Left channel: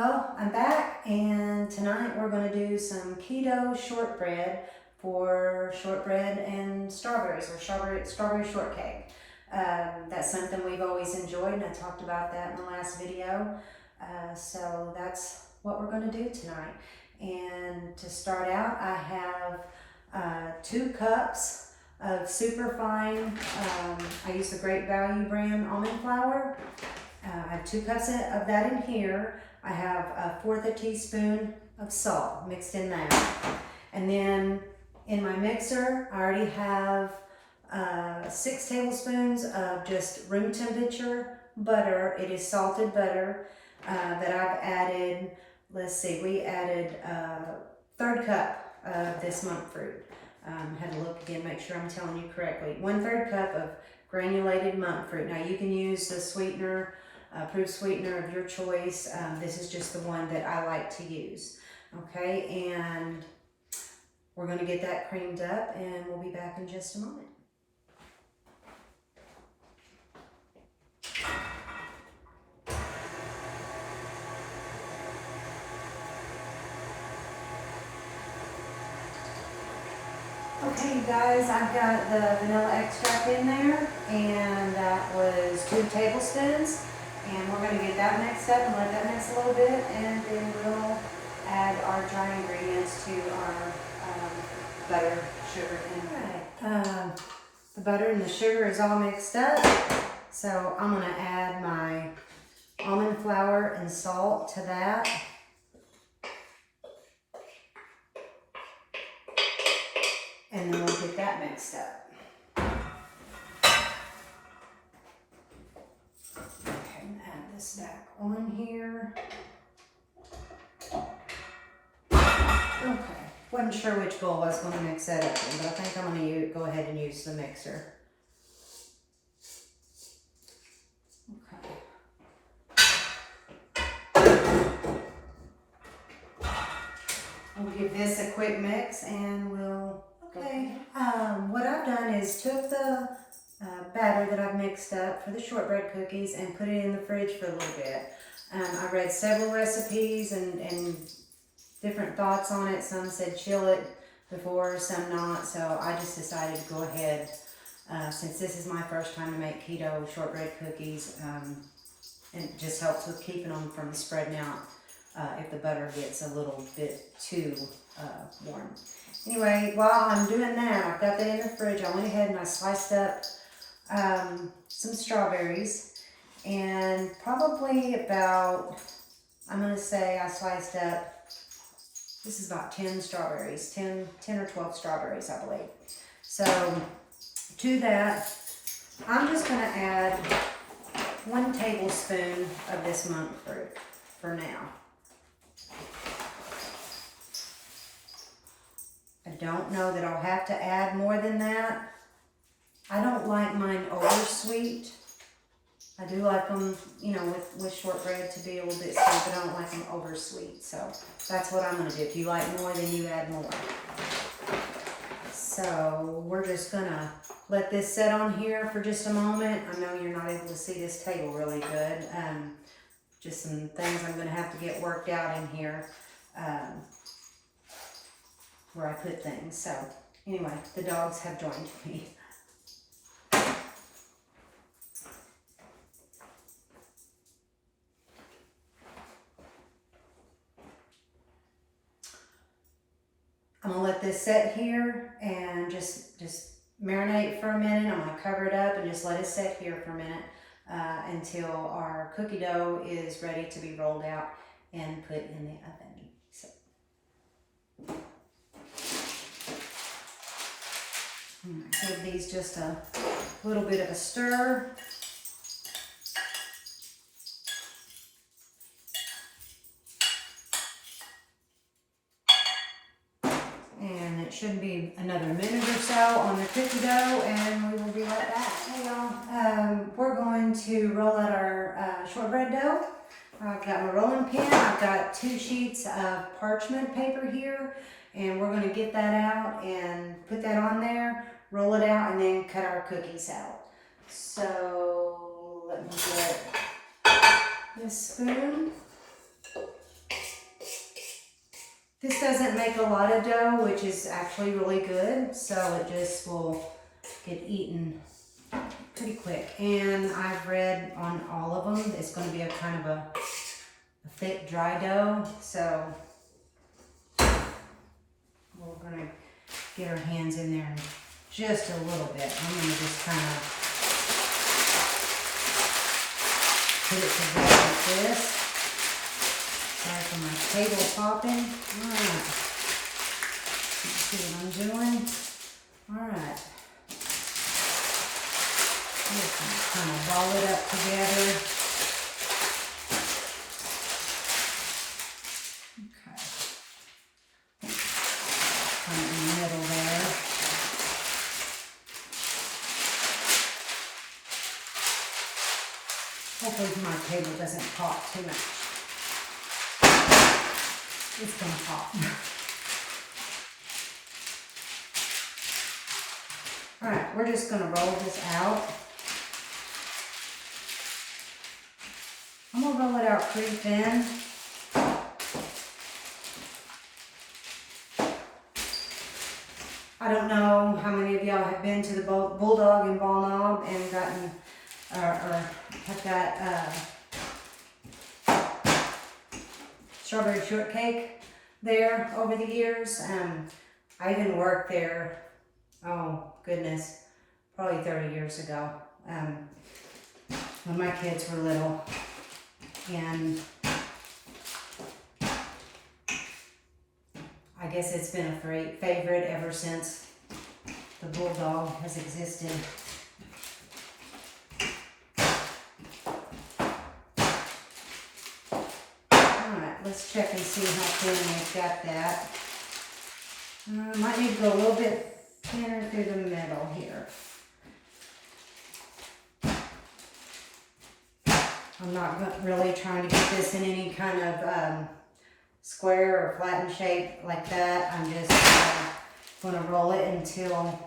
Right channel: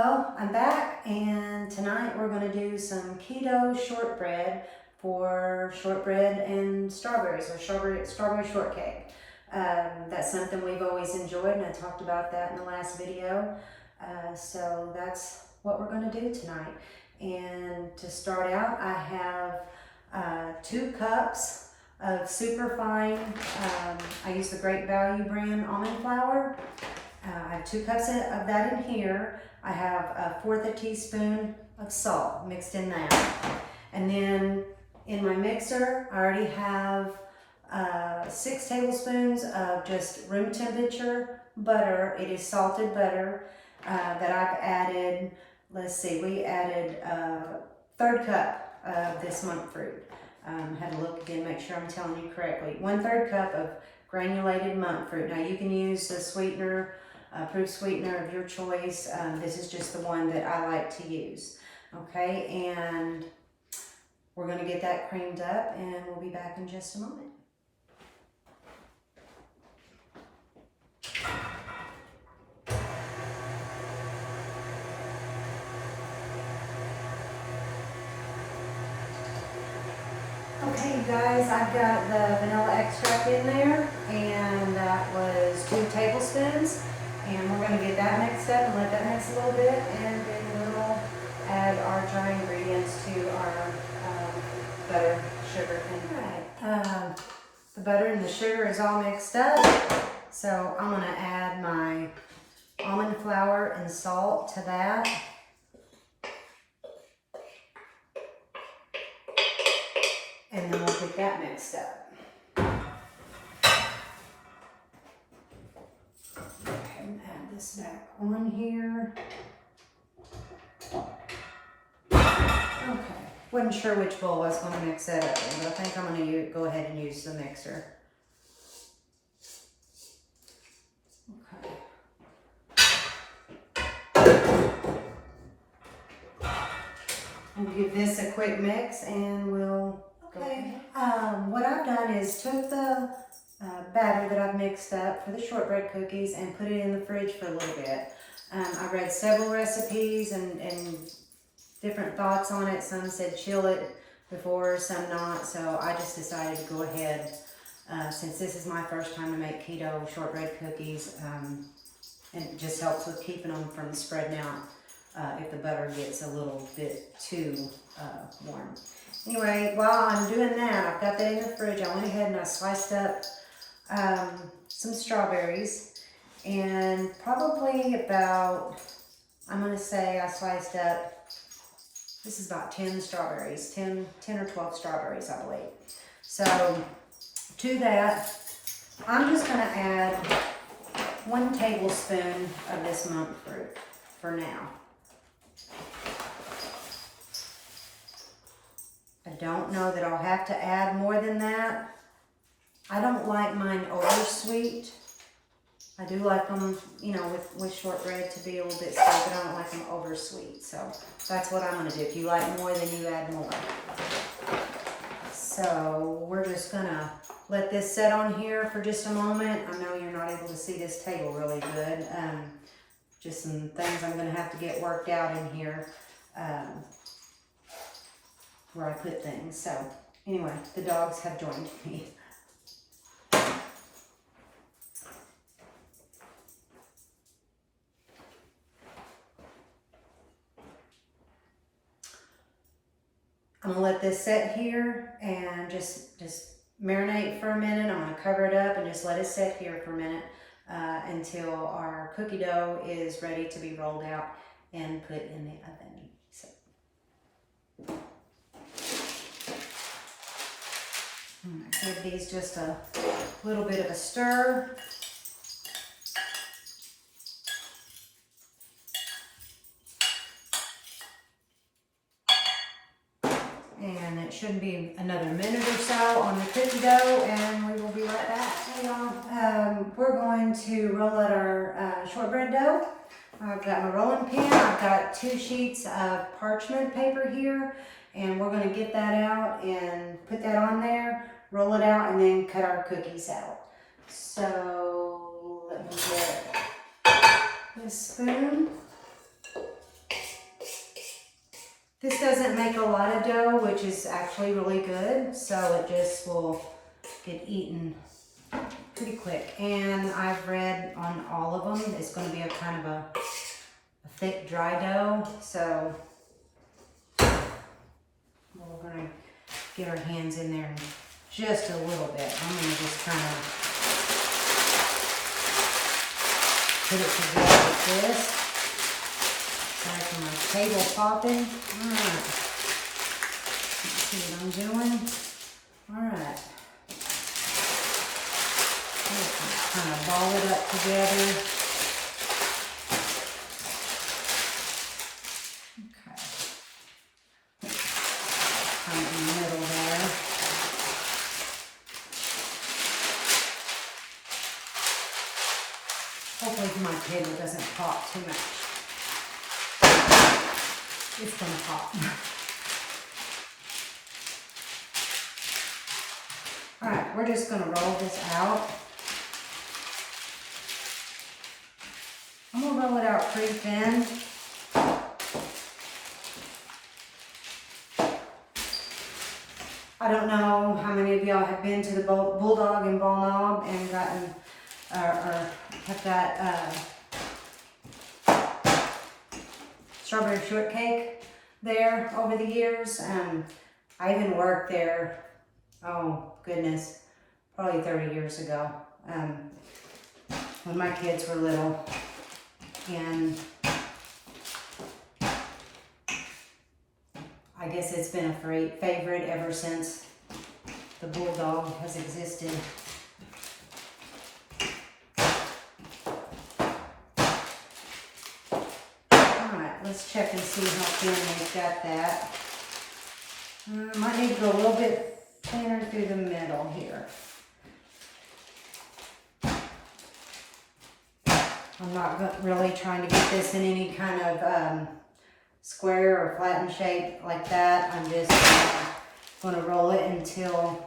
Well, I'm back, and tonight we're going to do some keto shortbread for shortbread and strawberries, or strawberry shortcake. That's something we've always enjoyed, and I talked about that in the last video. So that's what we're going to do tonight. And to start out, I have 2 cups of super fine, I use the Great Value brand almond flour. I have 2 cups of that in here. I have 1/4 teaspoon of salt mixed in that. And then in my mixer, I already have 6 tablespoons of just room temperature butter. It is salted butter that I've added. Let's see, we added 1/3 cup of this monk fruit. Had to look again, make sure I'm telling you correctly. 1/3 cup of granulated monk fruit. Now you can use the sweetener, approved sweetener of your choice. This is just the one that I like to use. Okay, and we're going to get that creamed up, and we'll be back in just a moment. Okay, you guys, I've got the vanilla extract in there, and that was 2 tablespoons. And we're going to get that mixed up and let that mix a little bit, and then we'll add our dry ingredients to our butter, sugar, and alright. The butter and the sugar is all mixed up, so I'm going to add my almond flour and salt to that. And then we'll get that mixed up. Okay, add this back on here. Okay, wasn't sure which bowl I was going to mix that up in, but I think I'm going to go ahead and use the mixer. Okay. We'll give this a quick mix, and we'll. Okay, what I've done is took the batter that I've mixed up for the shortbread cookies and put it in the fridge for a little bit. I read several recipes and different thoughts on it. Some said chill it before, some not. So I just decided to go ahead, since this is my first time to make keto shortbread cookies, and it just helps with keeping them from spreading out if the butter gets a little bit too warm. Anyway, while I'm doing that, I've got that in the fridge. I went ahead and I sliced up some strawberries, and probably about, I'm going to say I sliced up, this is about 10 strawberries, 10 or 12 strawberries, I believe. So to that, I'm just going to add 1 tablespoon of this monk fruit for now. I don't know that I'll have to add more than that. I don't like mine over sweet. I do like them, you know, with shortbread to be a little bit sweet, but I don't like them over sweet. So that's what I'm going to do. If you like more, then you add more. So we're just going to let this set on here for just a moment. I know you're not able to see this table really good. Just some things I'm going to have to get worked out in here. Where I put things. So anyway, the dogs have joined me. I'm gonna let this set here and just marinate for a minute. I'm gonna cover it up and just let it sit here for a minute until our cookie dough is ready to be rolled out and put in the oven. So. I'm going to give these just a little bit of a stir. And it shouldn't be another minute or so on the cookie dough, and we will be right back. Hey y'all, we're going to roll out our shortbread dough. I've got my rolling pin. I've got 2 sheets of parchment paper here, and we're going to get that out and put that on there, roll it out, and then cut our cookies out. So let me get this spoon. This doesn't make a lot of dough, which is actually really good, so it just will get eaten pretty quick. And I've read on all of them, it's going to be a kind of a thick, dry dough, so we're going to get our hands in there just a little bit. I'm going to just kind of put it together like this. Sorry for my table popping. Alright. See what I'm doing? Alright. Just kind of ball it up together. Okay. Kind of in the middle there. Hopefully my table doesn't pop too much. It's gonna pop. All right, we're just gonna roll this out. I'm gonna roll it out pretty thin. I don't know how many of y'all have been to the Bulldog in Ball Knob and gotten, or have got strawberry shortcake there over the years. I even worked there, oh goodness, probably 30 years ago, when my kids were little. And I guess it's been a favorite ever since the Bulldog has existed. Alright, let's check and see how thin we've got that. Might need to go a little bit thinner through the middle here. I'm not really trying to get this in any kind of square or flattened shape like that. I'm just going to roll it until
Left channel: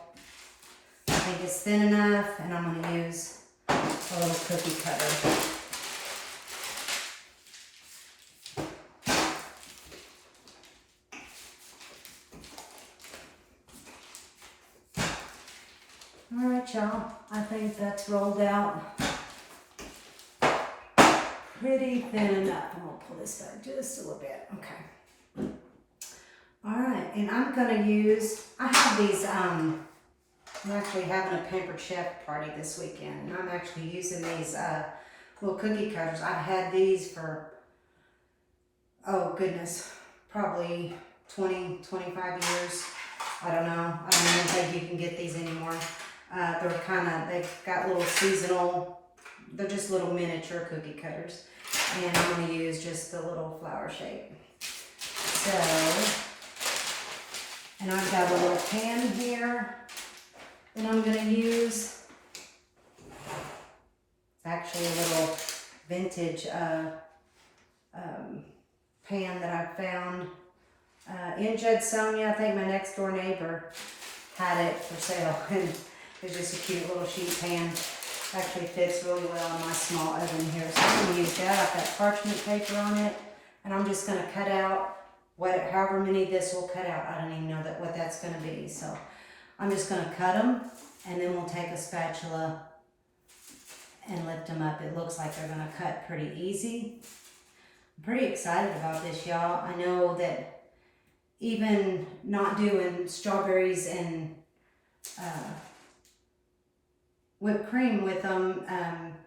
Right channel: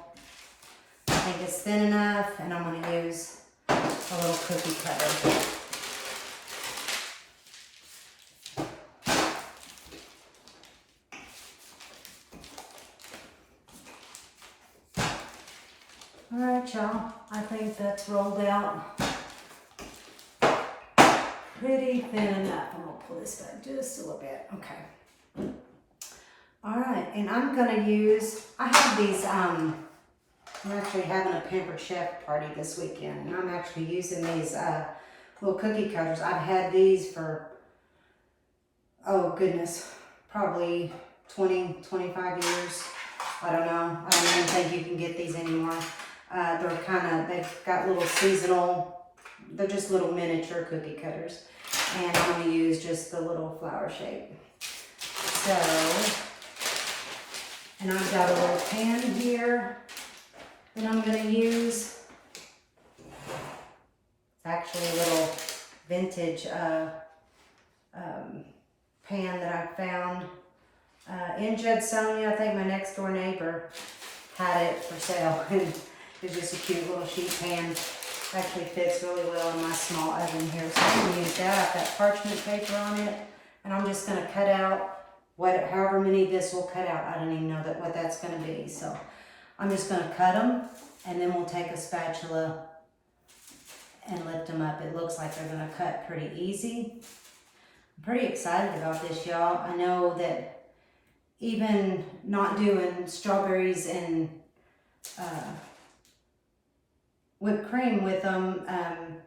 I think it's thin enough, and I'm going to use a little cookie cutter. All right, y'all, I think that's rolled out pretty thin enough. I'm gonna pull this back just a little bit. Okay. All right, and I'm gonna use, I have these, I'm actually having a Pampered Chef party this weekend, and I'm actually using these little cookie cutters. I've had these for, oh goodness, probably 20, 25 years. I don't know. I don't even think you can get these anymore. They've got little seasonal, they're just little miniature cookie cutters. And I'm going to use just the little flower shape. So, and I've got a little pan here that I'm going to use. It's actually a little vintage pan that I found in Judsonia. I think my next door neighbor had it for sale. It's just a cute little sheet pan. Actually fits really well in my small oven here. So I'm going to use that. I've got parchment paper on it, and I'm just going to cut out however many this will cut out. I don't even know what that's going to be. So I'm just going to cut them, and then we'll take a spatula and lift them up. It looks like they're going to cut pretty easy. I'm pretty excited about this, y'all. I know that even not doing strawberries and whipped cream with them, that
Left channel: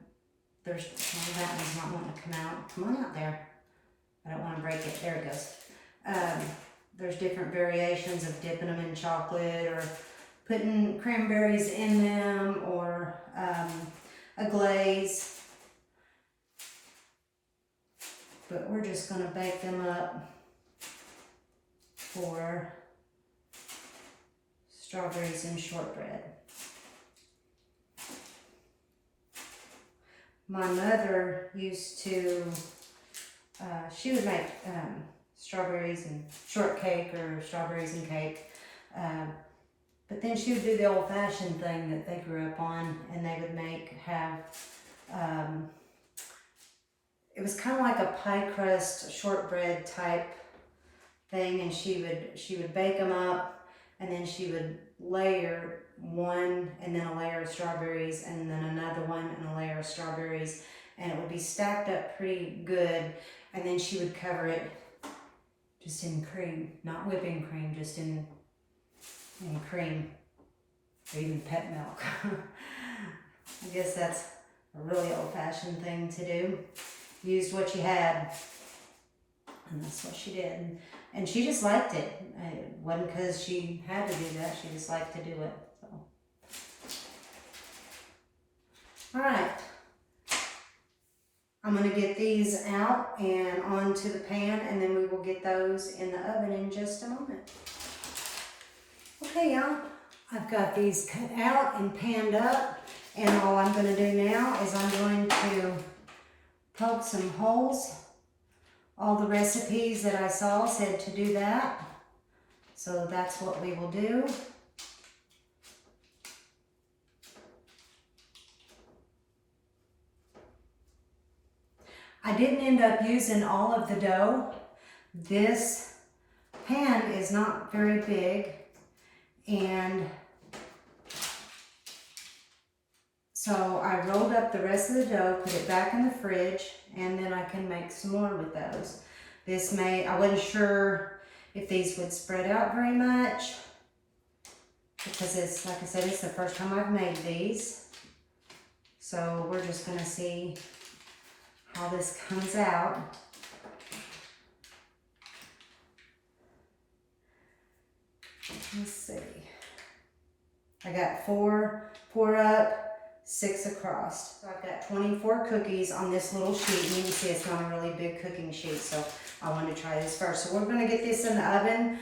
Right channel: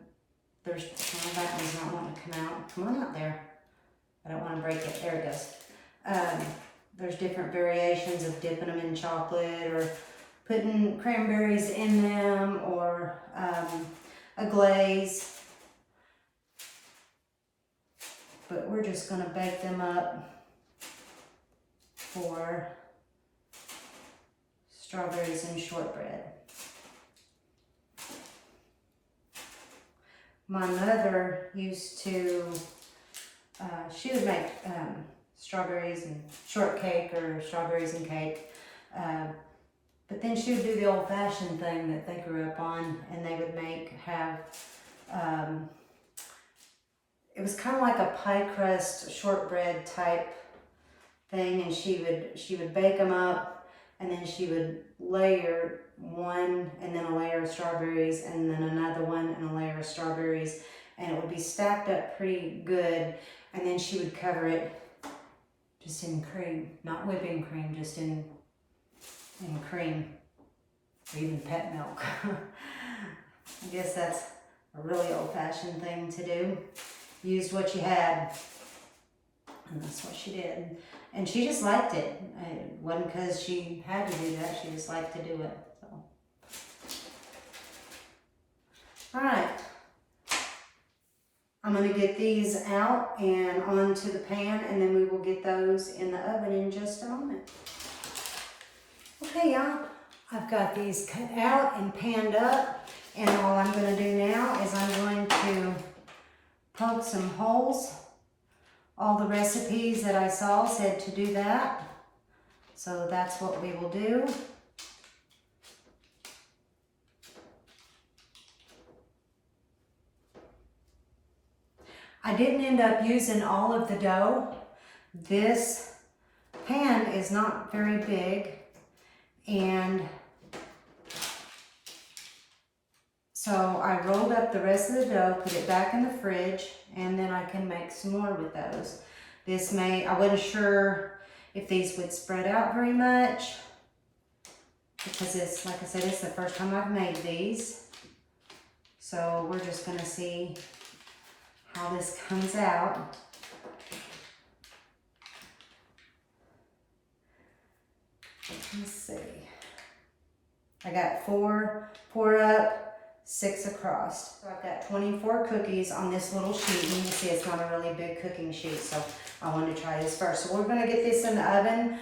one's not wanting to come out. Come on out there. I don't want to break it. There it goes. There's different variations of dipping them in chocolate or putting cranberries in them, or a glaze. But we're just going to bake them up for strawberries and shortbread. My mother used to, she would make strawberries and shortcake or strawberries and cake. But then she would do the old-fashioned thing that they grew up on, and they would it was kind of like a pie crust shortbread type thing, and she would bake them up, and then she would layer one and then a layer of strawberries and then another one and a layer of strawberries, and it would be stacked up pretty good, and then she would cover it just in cream, not whipping cream, just in cream, or even pet milk. I guess that's a really old-fashioned thing to do. Used what you had, and that's what she did. And she just liked it. It wasn't because she had to do that, she just liked to do it. So, all right. I'm going to get these out and onto the pan, and then we will get those in the oven in just a moment. Okay, y'all, I've got these cut out and panned up, and all I'm going to do now is I'm going to poke some holes. All the recipes that I saw said to do that, so that's what we will do. I didn't end up using all of the dough. This pan is not very big, and so I rolled up the rest of the dough, put it back in the fridge, and then I can make some more with those. I wasn't sure if these would spread out very much, because it's, like I said, it's the first time I've made these. So we're just gonna see how this comes out. Let's see. I got 4 poured up, 6 across. So I've got 24 cookies on this little sheet. You can see it's not a really big cooking sheet, so I wanted to try this first. So we're gonna get this in the oven,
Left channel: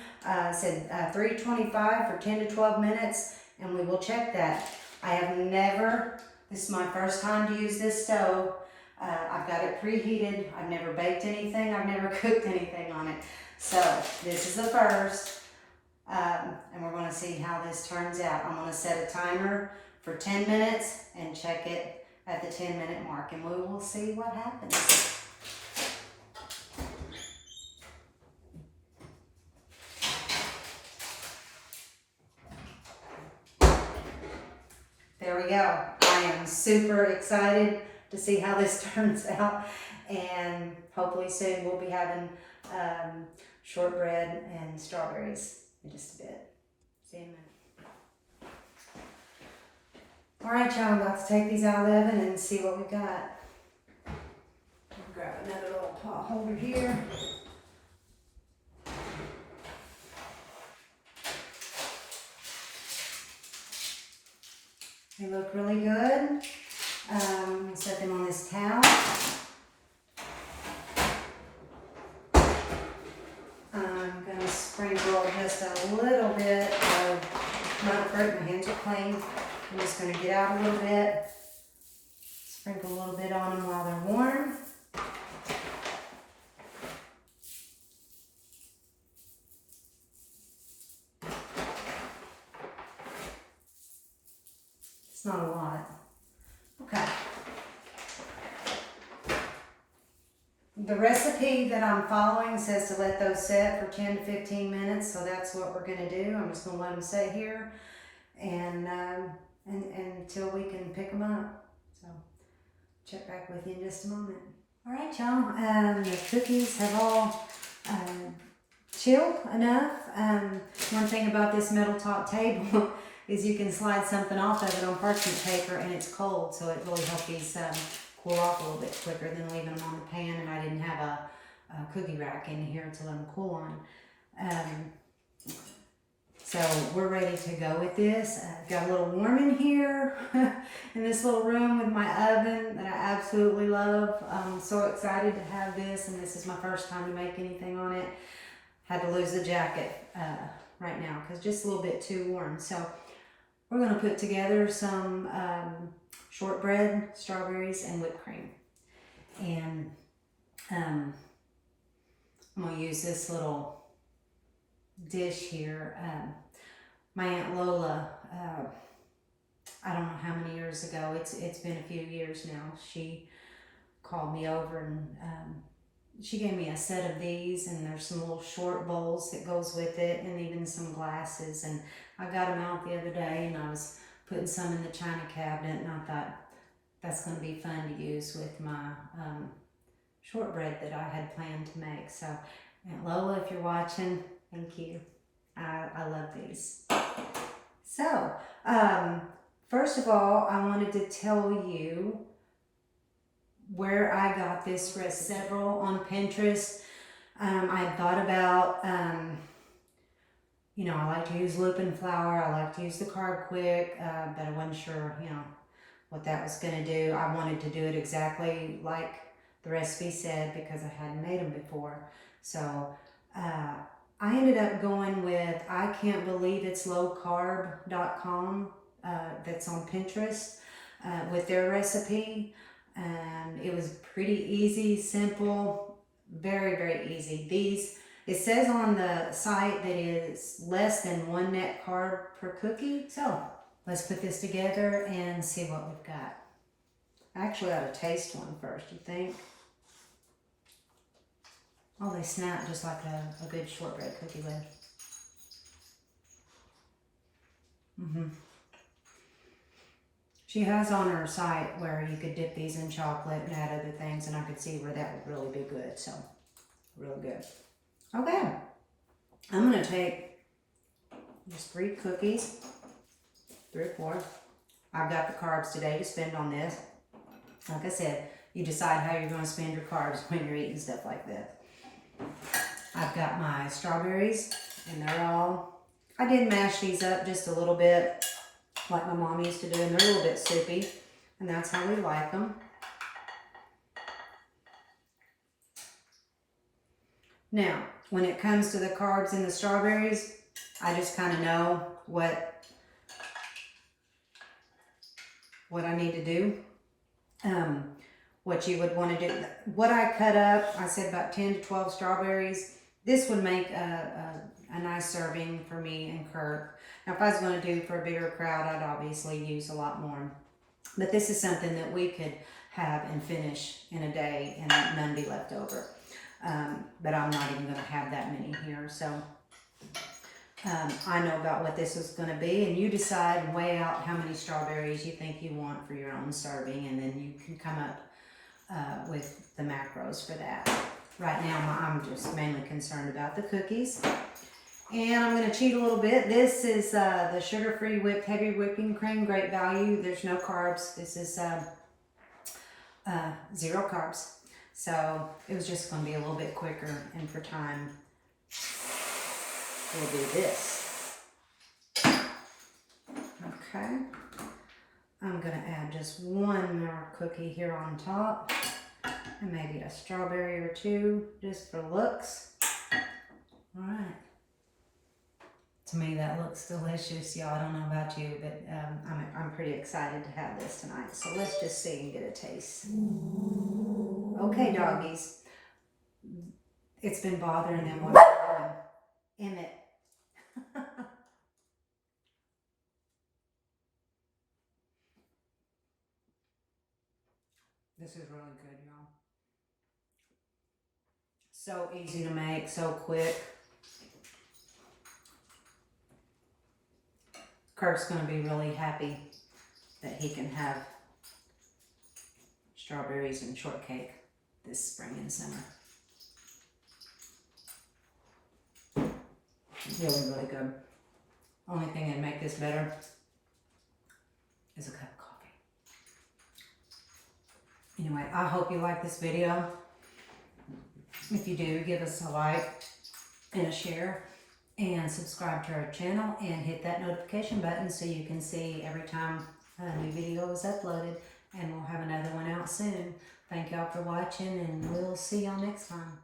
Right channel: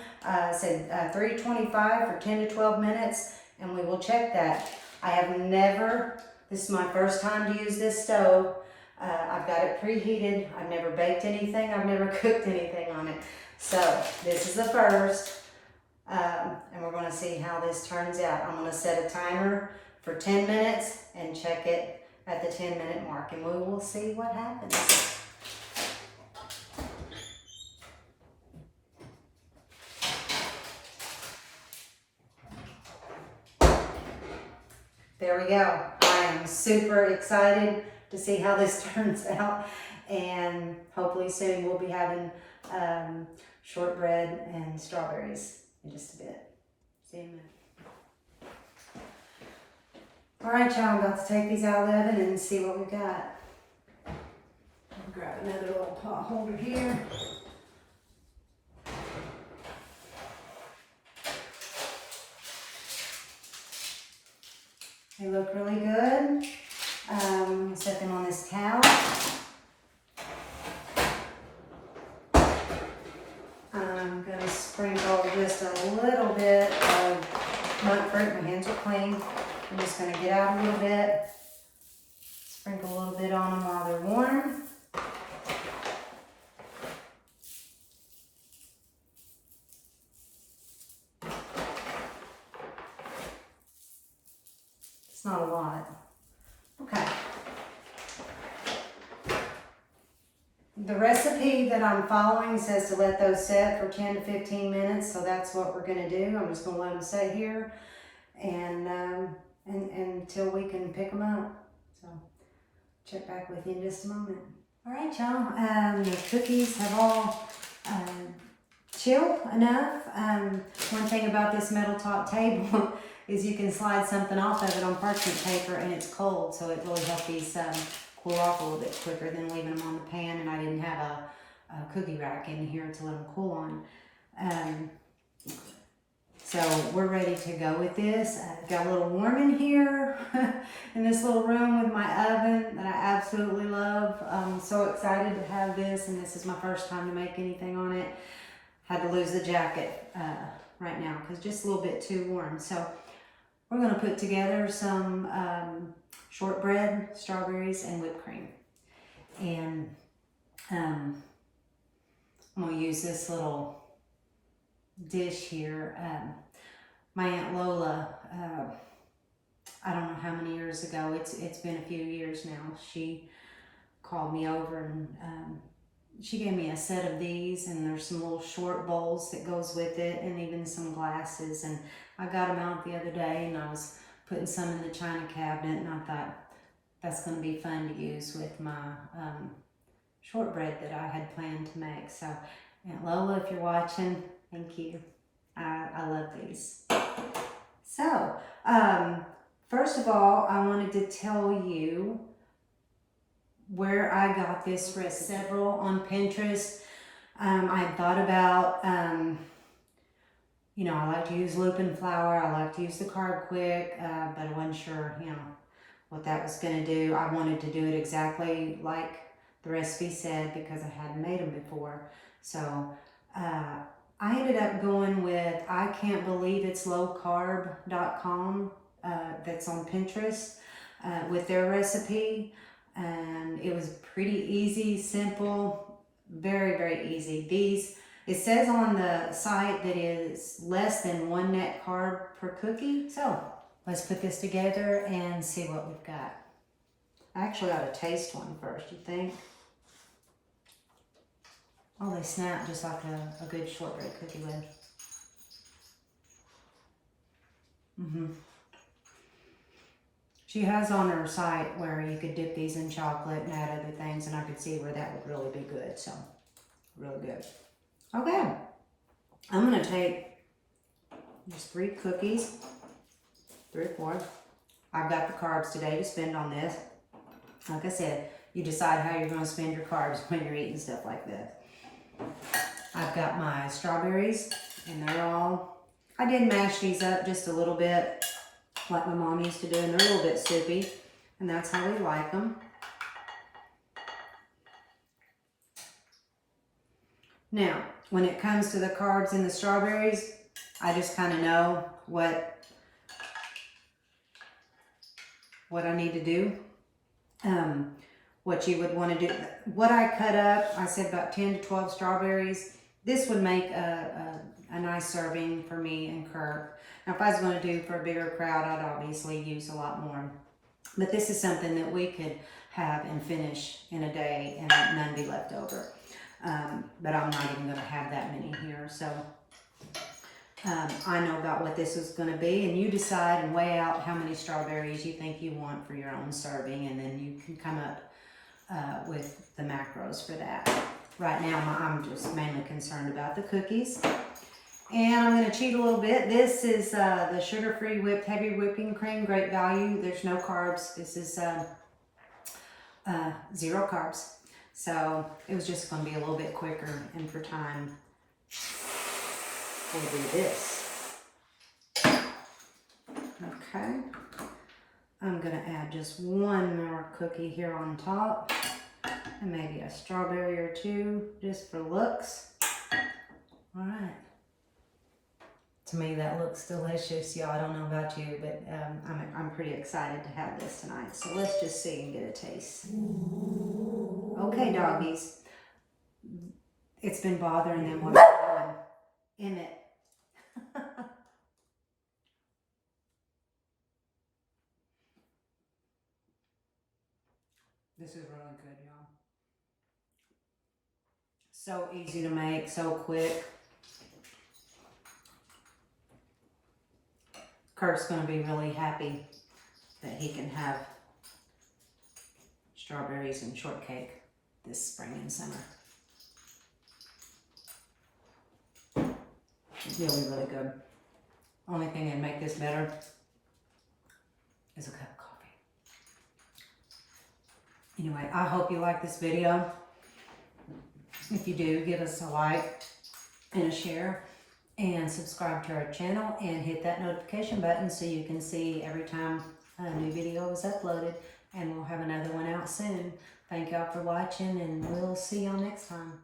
said 325 for 10 to 12 minutes, and we will check that. I have never, this is my first time to use this stove. I've got it preheated. I've never baked anything. I've never cooked anything on it. So this is the first, and we're going to see how this turns out. I'm going to set a timer for 10 minutes and check it at the 10-minute mark, and we will see what happens. There we go. I am super excited to see how this turns out, and hopefully soon we'll be having shortbread and strawberries in just a bit. See you in a minute. All right, y'all, I'm about to take these out of the oven and see what we've got. Grab another little pot holder here. They look really good. Set them on this towel. I'm going to sprinkle just a little bit of nut fruit. My hands are clean. I'm just going to get out a little bit. Sprinkle a little bit on them while they're warm. It's not a lot. Okay. The recipe that I'm following says to let those set for 10 to 15 minutes, so that's what we're going to do. I'm just going to let them sit here and until we can pick them up. So check back with you in just a moment. All right, y'all. The cookies have all chilled enough. One thing about this metal top table is you can slide something off of it on parchment paper, and it's cold, so it really helps these cool off a little bit quicker than leaving them on the pan. And I didn't have a cookie rack in here to let them cool on. So we're ready to go with this. I've got a little warm in here in this little room with my oven that I absolutely love. I'm so excited to have this, and this is my first time to make anything on it. Had to lose the jacket right now because just a little bit too warm. So we're going to put together some shortbread, strawberries, and whipped cream. And I'm going to use this little dish here. My Aunt Lola, I don't know how many years ago, it's been a few years now, she called me over, and she gave me a set of these, and there's some little short bowls that goes with it, and even some glasses. And I got them out the other day, and I was putting some in the china cabinet, and I thought that's going to be fun to use with my shortbread that I had planned to make. So Aunt Lola, if you're watching, thank you. I love these. So first of all, I wanted to tell you where I got this recipe. Several on Pinterest. I had thought about, you know, I like to use lupin flour. I like to use the Carb Quick, but I wasn't sure, you know, what that was going to do. I wanted to do it exactly like the recipe said because I hadn't made them before. So I ended up going with ican'tbelieveitslowcarb.com. That's on Pinterest with their recipe. And it was pretty easy, simple, very, very easy. It says on the site that it's less than 1 net carb per cookie. So let's put this together and see what we've got. I actually ought to taste one first, you think? Oh, they snap just like a good shortbread cookie would. She has on her site where you could dip these in chocolate and add other things, and I could see where that would really be good. So, really good. Okay, I'm going to take just 3 cookies, 3 or 4. I've got the carbs today to spend on this. Like I said, you decide how you're going to spend your carbs when you're eating stuff like this. I've got my strawberries, and they're all, I did mash these up just a little bit, like my mom used to do, and they're a little bit soupy, and that's how we like them. Now, when it comes to the carbs in the strawberries, I just kind of know what I need to do. What you would want to do. What I cut up, I said about 10 to 12 strawberries. This would make a nice serving for me and Kurt. Now, if I was going to do for a bigger crowd, I'd obviously use a lot more. But this is something that we could have and finish in a day and none be left over. But I'm not even going to have that many here. So I know about what this is going to be, and you decide and weigh out how many strawberries you think you want for your own serving, and then you can come up with the macros for that. Right now, I'm just mainly concerned about the cookies. And I'm going to cheat a little bit. This is the sugar-free whipped heavy whipping cream, great value. There's no carbs. This is 0 carbs. So it was just going to be a little bit quicker, and for time, we'll do this. Okay. I'm going to add just 1 more cookie here on top, and maybe a strawberry or 2 just for looks. All right. To me, that looks delicious, y'all. I don't know about you, but I'm pretty excited to have this tonight. So let's just see and get a taste. Okay, doggies. It's been bothering them what I'm doing. Emmett. This is really good, y'all. So easy to make, so quick. Kurt's going to be really happy that he can have strawberries and shortcake this spring and summer. Really, really good. Only thing that'd make this better is a cup of coffee. Anyway, I hope you like this video. If you do, give us a like and a share, and subscribe to our channel, and hit that notification button so you can see every time a new video is uploaded, and we'll have another one out soon. Thank y'all for watching, and we'll see y'all next time.